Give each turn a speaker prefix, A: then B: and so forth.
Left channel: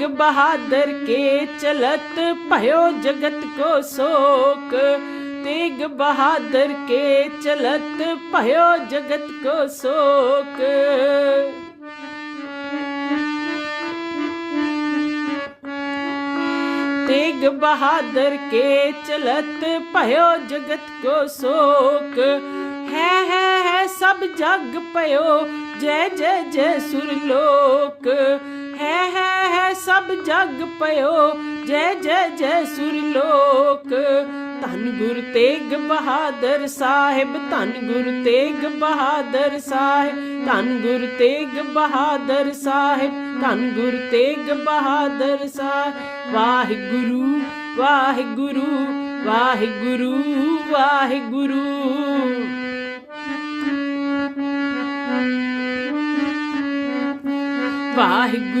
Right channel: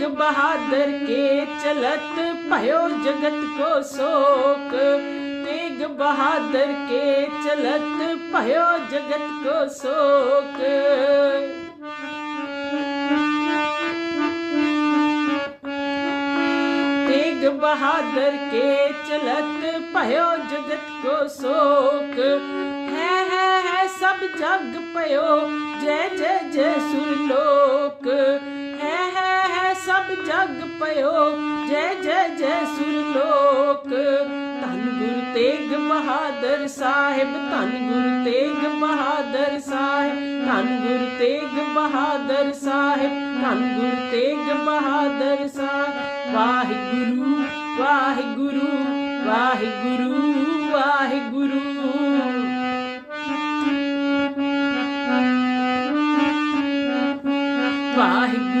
A: तेग बहादुर के चलत भयो जगत को शोक। तेग बहादुर के चलत भयो जगत को शोक। तेग बहादुर के चलत भयो जगत को शोक। है है है सब जग पयो, जय जय जय सुरलोक। ਪਇਓ। ਜੈ ਜੈ ਜੈ ਸੁਰ ਲੋਕ, ਧੰਨ ਗੁਰ ਤੇਗ ਬਹਾਦਰ ਸਾਹਿਬ, ਧੰਨ ਗੁਰ ਤੇਗ ਬਹਾਦਰ ਸਾਹਿਬ, ਧੰਨ ਗੁਰ ਤੇਗ ਬਹਾਦਰ ਸਾਹਿਬ, ਧੰਨ ਗੁਰ ਤੇਗ ਬਹਾਦਰ ਸਾਹਿਬ। ਵਾਹਿਗੁਰੂ ਵਾਹਿਗੁਰੂ ਵਾਹਿਗੁਰੂ ਵਾਹਿਗੁਰੂ। ਵਾਹਿਗੁਰੂ।